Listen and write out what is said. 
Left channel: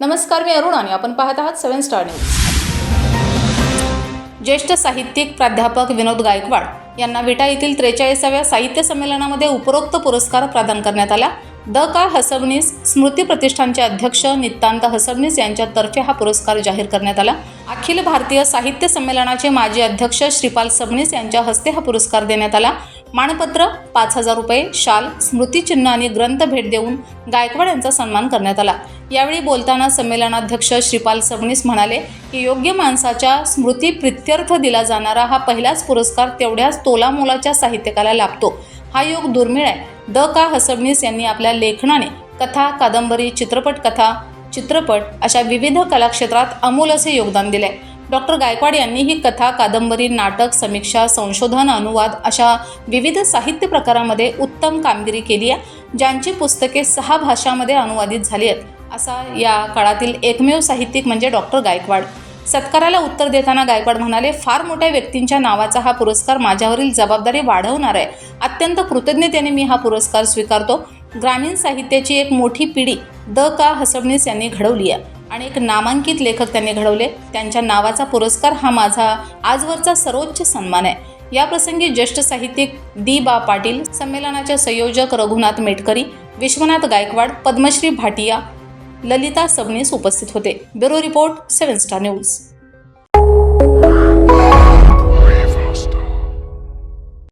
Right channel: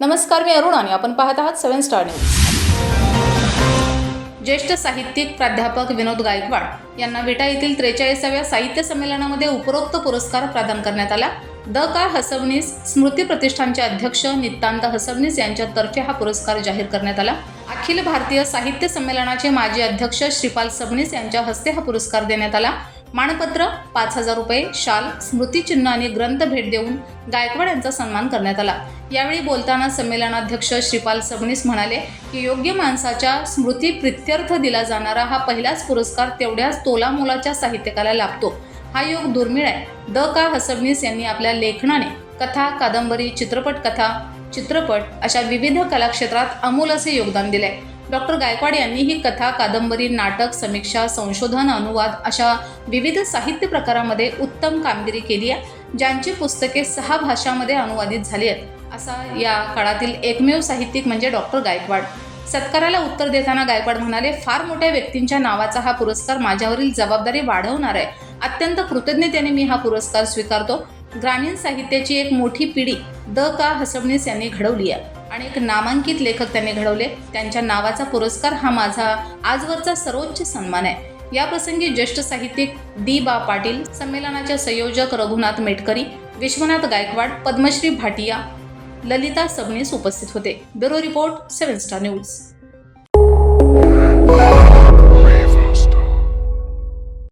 नमस्कार मी अरुण आणि आपण पाहत आहात सेव्हन स्टार न्यूज. ज्येष्ठ साहित्यिक प्राध्यापक विनोद गायकवाड यांना विटा येथील त्रेचाळीसाव्या साहित्य संमेलनामध्ये उपरोक्त पुरस्कार प्रदान करण्यात आला. द का हसबनीस स्मृती प्रतिष्ठानचे अध्यक्ष नित्तांत हसबनीस यांच्यातर्फे हा पुरस्कार जाहीर करण्यात आला. अखिल भारतीय साहित्य संमेलनाचे माजी अध्यक्ष श्रीपाल सबनीस यांच्या हस्ते हा पुरस्कार देण्यात आला. मानपत्र पाच हजार रुपये शाल स्मृतिचिन्ह आणि ग्रंथ भेट देऊन गायकवाड यांचा सन्मान करण्यात आला. यावेळी बोलताना संमेलनाध्यक्ष श्रीपाल सबनीस म्हणाले की योग्य माणसाच्या स्मृती प्रित्यर्थ दिला जाणारा हा पहिलाच पुरस्कार तेवढ्याच तोलामोलाच्या साहित्यकाला लाभतो. हा योग दुर्मिळ आहे. द. का. हसबनीस यांनी आपल्या लेखनाने कथा कादंबरी चित्रपट कथा चित्रपट अशा विविध कलाक्षेत्रात अमोल असे योगदान दिले डॉक्टर गायकवाड यांनी ही कथा कादंबरी नाटक समीक्षा संशोधन अनुवाद अशा विविध साहित्य प्रकारामध्ये उत्तम कामगिरी केली आहे ज्यांची पुस्तके सहा भाषांमध्ये अनुवादित झाली आहेत. असा या काळातील एकमेव साहित्यिक म्हणजे डॉक्टर गायकवाड. सत्काराला उत्तर देताना गायकवाड म्हणाले फार मोठ्या व्यक्तींच्या नावाचा हा पुरस्कार माझ्यावरील जबाबदारी वाढवणार आहे. अत्यंत कृतज्ञतेने मी हा पुरस्कार स्वीकारतो. ग्रामीण साहित्याची एक मोठी पिढी द. का. हसबनीस यांनी घडवली आहे. आणि एक नामांकित लेखक त्यांनी घडवले. त्यांच्या नावाचा पुरस्कार हा माझा आजवरचा सर्वोच्च सन्मान आहे. या प्रसंगी ज्येष्ठ साहित्यिक दी बा पाटील संमेलनाचे संयोजक रघुनाथ मेटकरी विश्वनाथ गायकवाड पद्मश्री भाटिया ललिता सबनीस उपस्थित होते. Bureau report seven star news.